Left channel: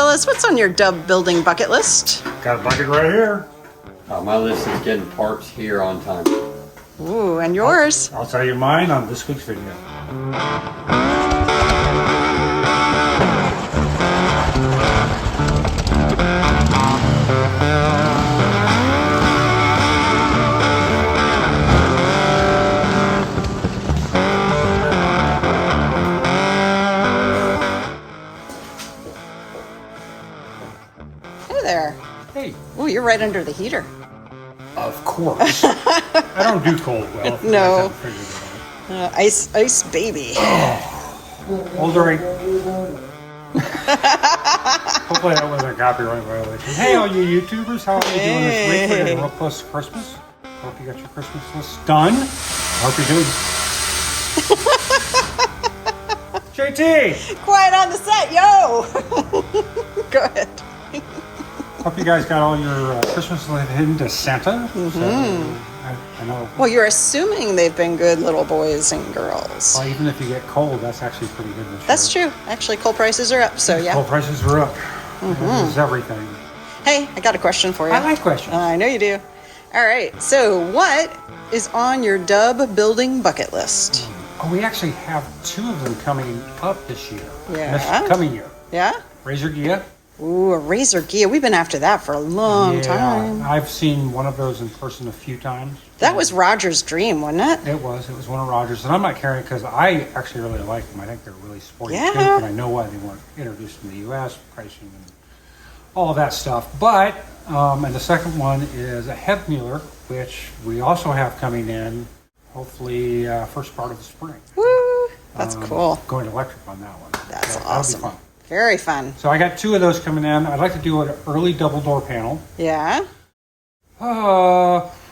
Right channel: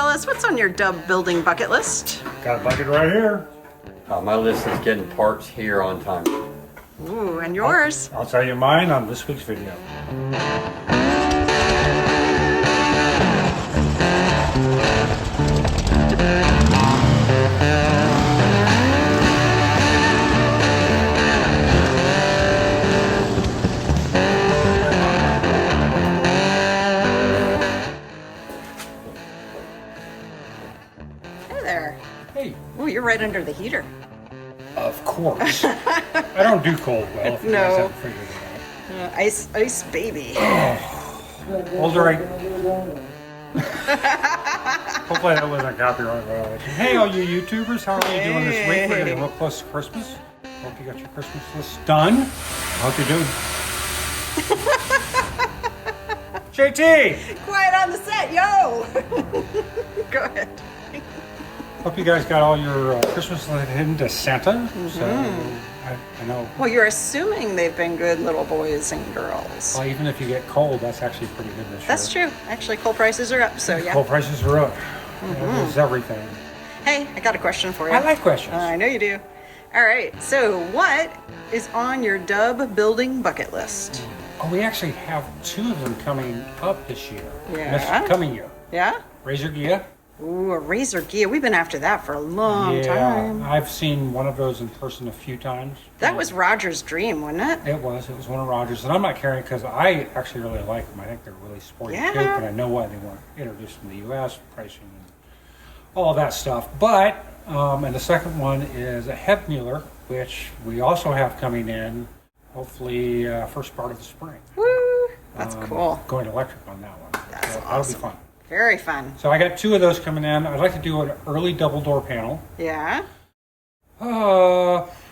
fellas, what's on your dub building bucket list? Got a bucket right here. My list is getting parts here on time. Ooh, and yours? I'll tell you mine on this week's video. Hey there. Hey. Ooh, you're right under the heater. Of course. I don't do cold well. If you guys haven't figured it out. Ice baby. Hold the right. Hopefully that wasn't copyright violation. Hey, all you YouTubers, how are you doing this week? We're getting real close to Christmas. Hope you got your Christmas list done. I hope you're doing. JT. Quiet on the set, yo. Go ahead. Hope you guys got all your Christmas list into Santa. So I know. Well, you're assuming they've been good little boys and girls. Well, even if you get cold, that's actually pretty good this year. That's true. Actually, coal prices are up, so yeah. Coal prices are up. It is everything. Hey, I got a question for you. I like questions. I know you do. All right, so what is on your dub building bucket list? Oh, we actually have two of them coming up this year. Yeah. This coming year. Yeah? Razor Ghia. Ooh, a Razor Ghia. We've been after that for a long time. I've seen one of those in person a few times. That was Roger's dream, wasn't it? It was one of Roger's, and I'm not carrying it because I actually really like them. I think they're really sporty too, and I know why they weren't introduced in the U.S. pricing and all that stuff. But and the second one is a Hebmuller, which we also have coming in, hopefully first part of the spring. Woo! That's cool. Going electric on that one. That's so awesome. That'll be fun. Very fun. So I got two of those coming in. I'd like to do an early double door panel. Yeah?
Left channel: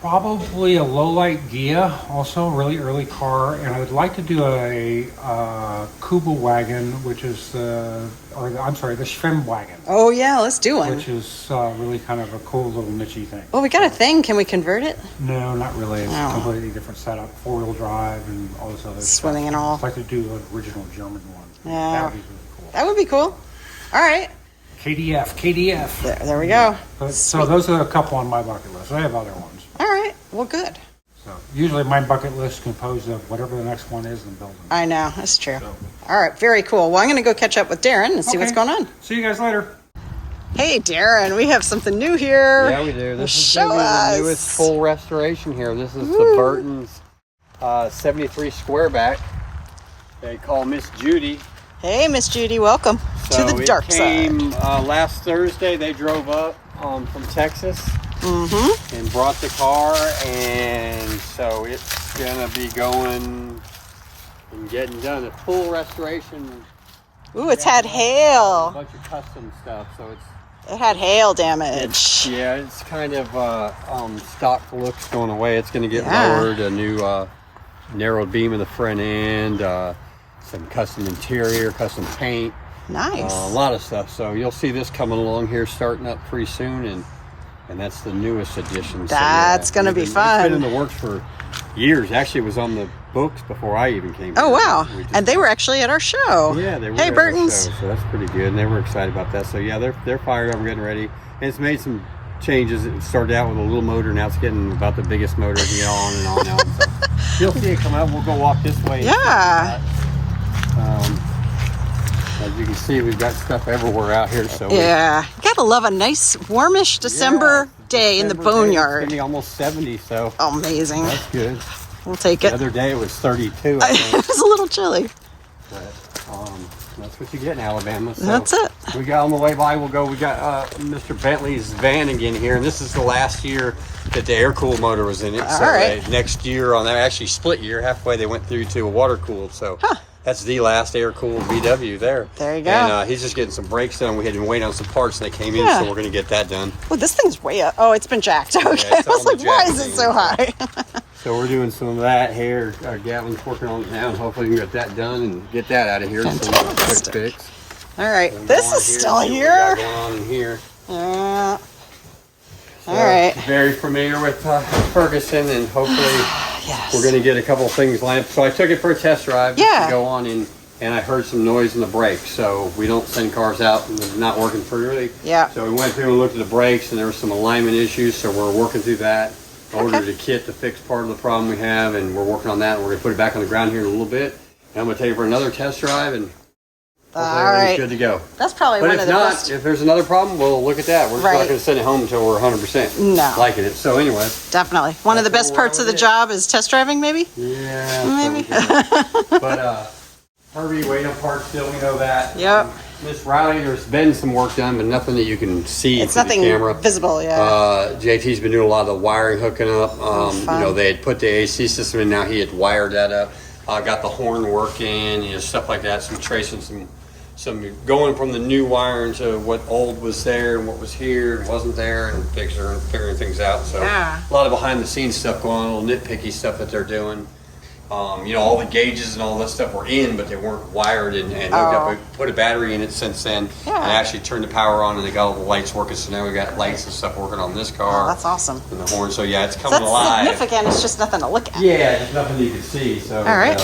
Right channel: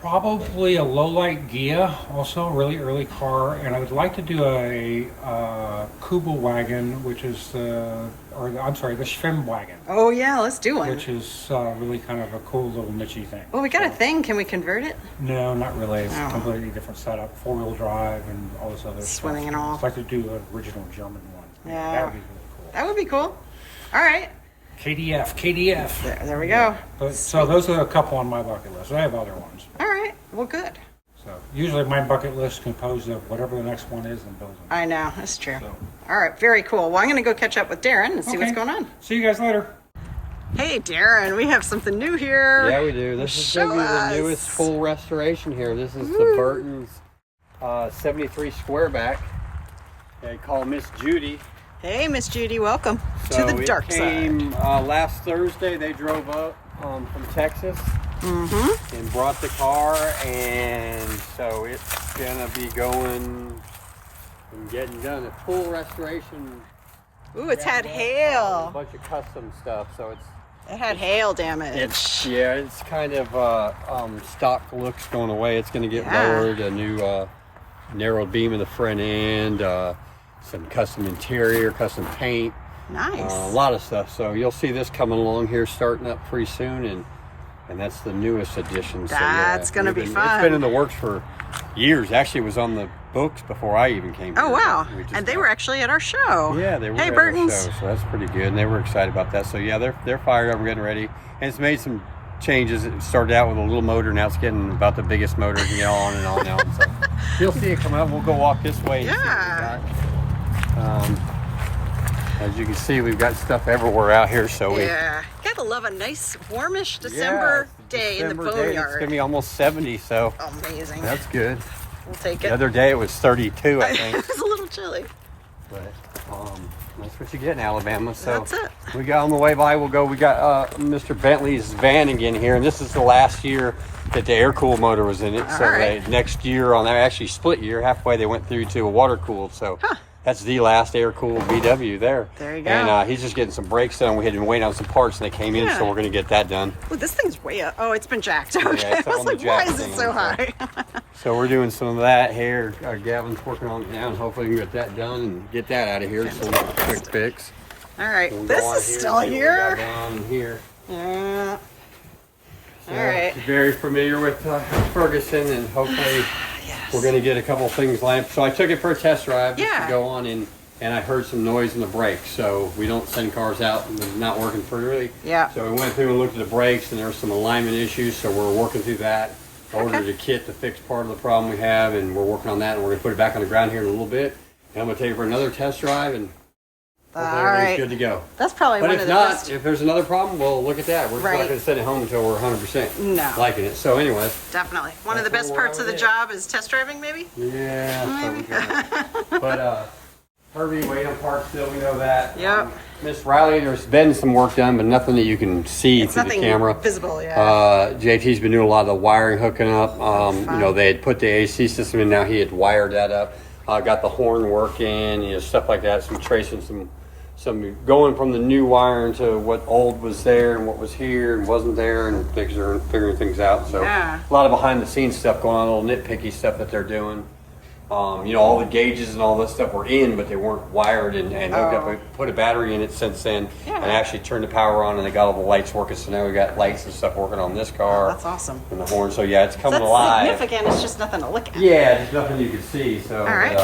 Probably a low light Ghia, also a really early car, and I would like to do a Kuba wagon, which is the Schwem wagon. Oh yeah, let's do one. Which is really kind of a cool little niche-y thing. Well, we got a thing. Can we convert it? No, not really. It's a completely different setup, 4-wheel drive and all this other Swimming stuff. and all. I'd like to do an original German one. Yeah. That would be really cool. That would be cool. All right. KDF. There we go. But, so those are a couple on my bucket list. I have other ones. All right. Well, good. So usually my bucket list is composed of whatever the next one is and building. I know. That's true. So. All right. Very cool. Well, I'm going to go catch up with Darren and see what's going on. See you guys later. Hey, Darren. We have something new here. Yeah, we do. This is going to be the newest full restoration here. This is the Burton's 73 Squareback. They call Miss Judy. Hey, Miss Judy. Welcome to the dark came, side. Last Thursday, they drove up from Texas and brought the car, and so it's gonna be going and getting done. A full restoration. Ooh, it's had hail. A bunch of custom stuff, so it's. It had hail damage. It's kind of stock looks going away. It's going to get lowered. A new narrowed beam in the front end. Some custom interior, custom paint. Nice. A lot of stuff. So you'll see this coming along here, starting up pretty soon, and that's the newest edition. That's going to be fun. It's been in the works for years. Actually, it was on the books before I even came here. Oh, wow. And they were actually at our show. Yeah, they were at Burton's. Our show, so that's pretty good. And they were excited about that. So yeah, they're fired up and getting ready. And it's made some changes. It started out with a little motor. Now it's getting about the biggest motor, on and on and on. So you'll see it come up. We'll go walk this way. Yeah. As you can see, we've got stuff everywhere out here. So you gotta love a nice warmish December day in the boneyard. It's gonna be almost 70, so amazing. That's good. We'll take it. The other day it was 32, I think. It was a little chilly. But that's what you get in Alabama. So that's it. We got on the way by. We got Mr. Bentley's Vanagon here, and this is the last year that the air-cooled motor was in it. All right. Next year, on that actually split year, halfway they went through to a water-cooled. So that's the last air-cooled VW there. There you go. And he's just getting some brakes done. We had been waiting on some parts, and they came in, so we're going to get that done. Well, this thing's way up. Oh, it's been jacked. Okay. I was like, why is it so high? So we're doing some of that here. Gavin's working on it now, and hopefully we can get that done and get that out of here. So we'll quick fix. All right, this is still here. Going on in here. Yeah. All right. Very familiar with Ferguson, and hopefully we're going to get a couple things lined up. So I took it for a test drive just to go on and and I heard some noise in the brakes. So we don't send cars out and they're not working pretty. Yeah. So we went through and looked at the brakes, and there were some alignment issues. So we're working through that. Ordered a kit to fix part of the problem we have, and we're working on that. And we're gonna put it back on the ground here in a little bit. And I'm gonna take it for another test drive, and All right. good to go. That's probably But one if of the not, best. if there's another problem, we'll look at that. We're Right. not gonna send it home until we're 100% No. liking it. So anyways, Definitely. One of the That's best where we're parts of the at. job is test driving, maybe? yeah. Maybe. But Herbie, wait on parts still, we know that. Yep. Miss Riley, there's been some work done, but nothing that you can see It's through nothing the camera. visible, yeah. JT's been doing a lot of the wiring hooking up. You fun. know, they had put the AC system in, now he had wired that up. Got the horn working, you know, stuff like that. Some tracing, some going from the new wiring to what old was there and what was here and wasn't there, and figuring things out. So Yeah. a lot of behind the scenes stuff going on, little nitpicky stuff that they're doing. You know, all the gauges and all that stuff were in, but they weren't wired and hooked up. We put a battery in it since then, Yeah. and actually turned the power on, and they got all the lights working. So now we got lights and stuff working on this car. That's awesome. And the horn. So yeah, it's coming That's alive. significant. It's just nothing to look at. Yeah, there's nothing you can see. So, All right.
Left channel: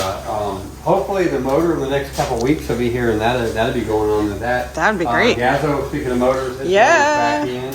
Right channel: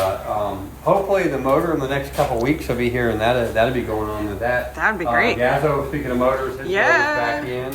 hopefully the motor in the next couple weeks will be here, and that'll be going on with that. That'd be great. Gazzo, speaking of motors, his Yeah. motor's back in.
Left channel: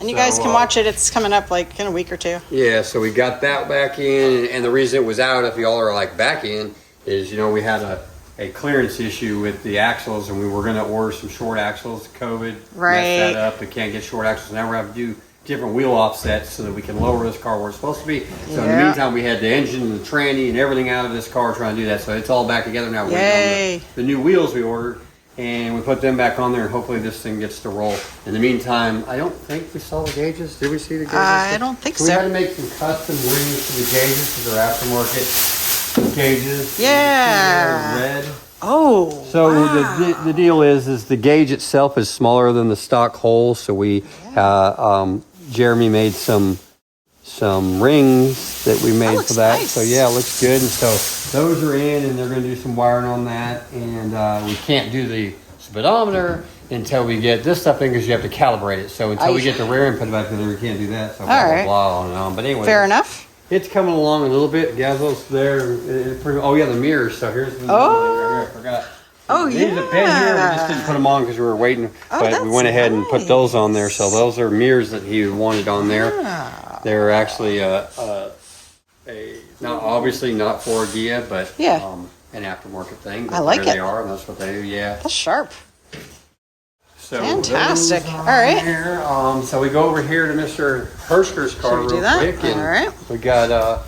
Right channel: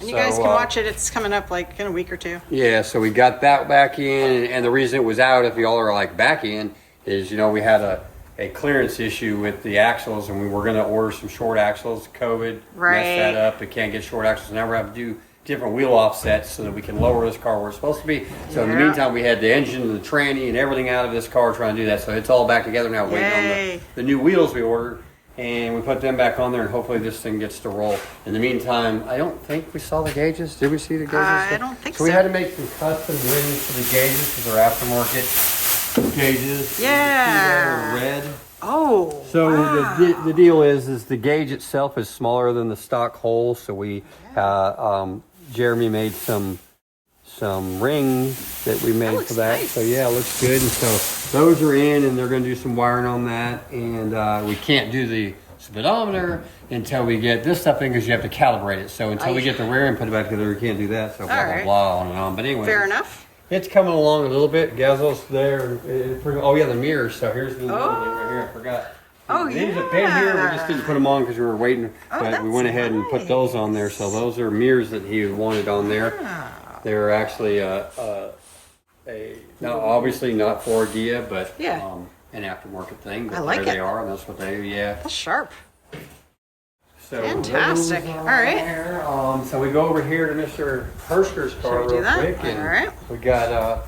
And you guys So, can watch it. It's coming up like in a week or two. Yeah, so we got that back in, and the reason it was out, if y'all are like back in, is, you know, we had a clearance issue with the axles, and we were going to order some short axles. COVID Right. messed that up. We can't get short axles. Now we're having to do different wheel offsets so that we can lower this car where it's supposed to be. So in the Yeah. meantime, we had the engine and the tranny and everything out of this car trying to do that. So it's all back together now, waiting Yay. on the new wheels we ordered. And we put them back on there, and hopefully this thing gets to roll. In the meantime, I don't think we saw the gauges. Did we see the gauges? I don't think We so. had to make some custom rings for the gauges because they're aftermarket gauges. Yeah. They're red. Oh. So wow. the deal is the gauge itself is smaller than the stock hole. So we, Jeremy made some rings that we made looks for that. nice. So yeah, it looks good. And so those are in, and they're going to do some wiring on that. And we can't do the speedometer until we get this stuff in, because you have to calibrate it. So until we get the rear end put back together, we can't do that. So blah, blah, right. blah, on and on. But anyway. Fair enough. It's coming along a little bit. Gazzo's there. Oh yeah, the mirrors. So here's the right here. I forgot. Oh, These have been here. We just yeah. didn't put them on because we were waiting. Oh, But we that's went ahead and put those on there. nice. So those are mirrors that he wanted on there. Ah. They're actually no, obviously not for Ghia, but Yeah. an aftermarket thing. But I like there it. they are, and that's what they do. Yeah. That's sharp. So Fantastic. those All are right. there. So we go over here to Mr. Hersker's car Should we real do that? quick. and All right. We got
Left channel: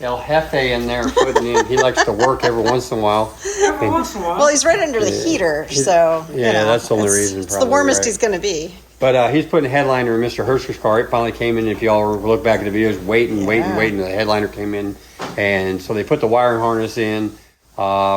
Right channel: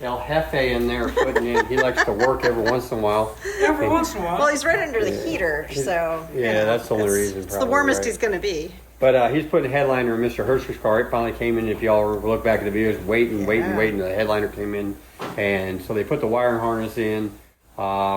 El Jefe in there putting in. He likes to work every once in a while. Every once in a while. Well, he's right under the heater, so Yeah, you know, that's the only reason, It's the probably, warmest right? he's going to be. But he's putting a headliner in Mr. Hersker's car. It finally came in. If y'all look back at the videos, waiting. The headliner came in. And so they put the wiring harness in,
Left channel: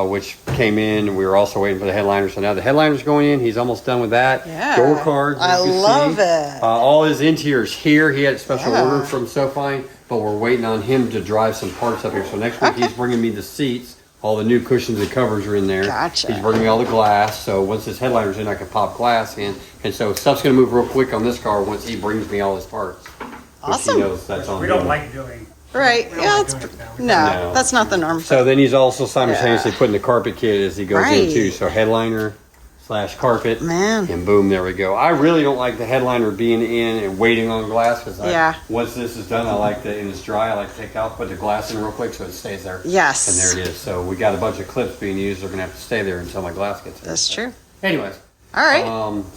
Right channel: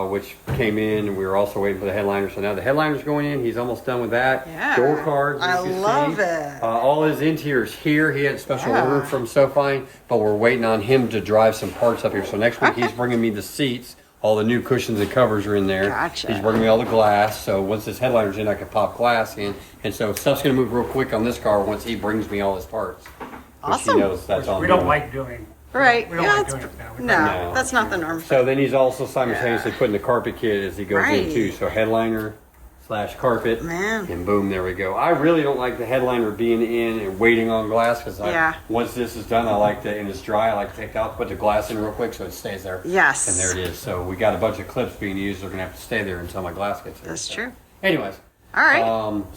which came in. And we were also waiting for the headliner. So now the headliner's going in. He's almost done with that. Yeah. Door cards. I as you love see. it. All his interior's here. He had a special Yeah. order from SoFine, but we're waiting on him to drive some parts up here. So next week he's bringing me the seats. All the new cushions and covers are in there. Gotcha. He's bringing me all the glass. So once this headliner's in, I can pop glass in. And so stuff's going to move real quick on this car once he brings me all his parts. Which Awesome. he knows that's on We him. don't like doing. Right. We don't Yeah. like It's, doing it now. We no, No. that's not the norm. So then he's also simultaneously putting the carpet kit as he goes Right. in too. So headliner / carpet. Man. And boom, there we go. I really don't like the headliner being in and waiting on glass because Yeah. once this is done, I like to, and it's dry, I like to take it off, put the glass in real quick so it stays there. Yes. And there it is. So we got a bunch of clips being used. They're going to have to stay there until my glass gets there. That's So true. Anyways. All right.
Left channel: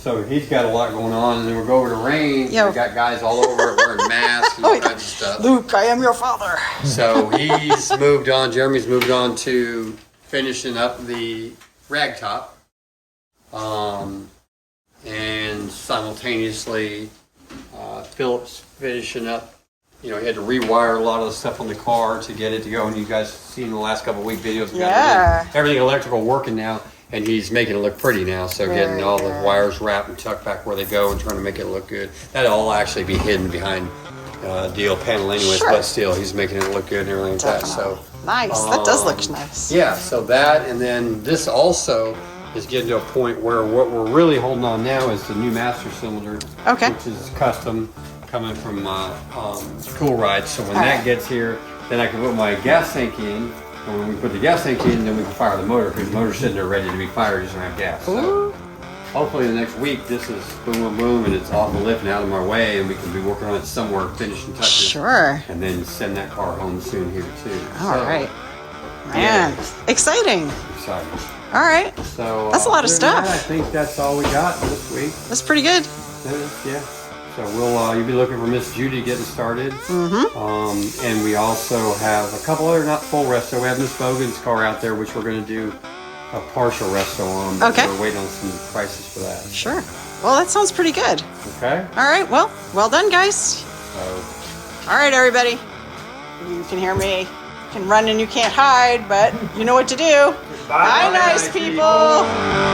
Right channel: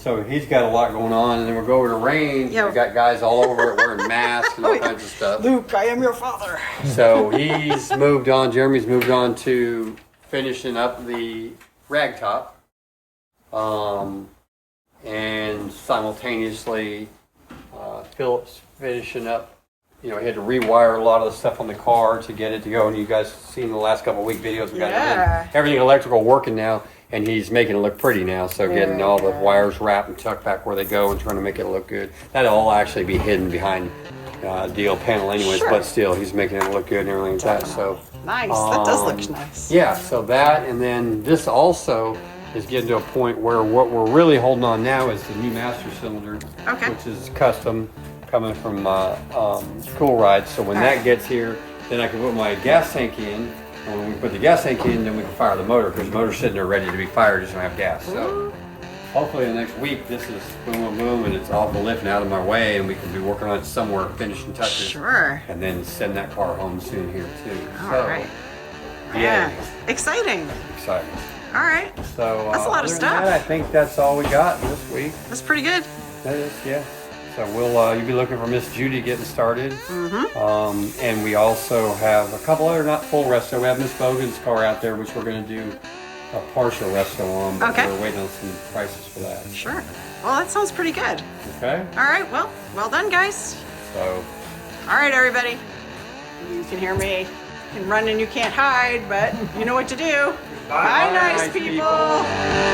So he's got a lot going on, and then we'll go over to range. Yeah. We got guys all over it wearing masks and all kinds of stuff. Luke, I am your father. So he's moved on. Jeremy's moved on to finishing up the rag top, and simultaneously Philip's finishing up. You know, he had to rewire a lot of the stuff on the car to get it to go. And you guys seen the last couple of week videos about Yeah. everything electrical working now. And he's making it look pretty now, so Very getting all good. the wires wrapped and tucked back where they go and trying to make it look good. That'll all actually be hidden behind DL panel anyways, Sure. but still, he's making it look good and everything like that. Definitely. So, Nice. That does look nice. yeah, so that, and then this also is getting to a point where what we're really holding on now is the new master cylinder, Okay. which is custom, coming from Cool Ride. So when All that right. gets here, then I can put my gas tank in, And when we put the gas tank in, then we can fire the motor, because the motor's sitting there ready to be fired, just don't have gas. So hopefully in the next week, this is boom, boom, boom, and it's off the lift and out of my way, and we can be working on it somewhere, finishing touches. Sure. And then send that car home soon here too. All right. Yeah. Man, exciting. Exciting. All right. So That's a lot of other than stuff. that, I think that's all we got this week. That's pretty good. That is, yeah. So we'll you'll be looking for Miss Judy getting started. And we also have a couple other not full resto. We have Miss Bogan's car out there, which we're going to do a partial resto on. But Okay. we're waiting on some prices for that. Sure. Well, that sounds pretty good. Okay. All right. Well done, guys. So All right, everybody. You can hear me. You can run and you can't hide, but you know what to do. Bye, nice people.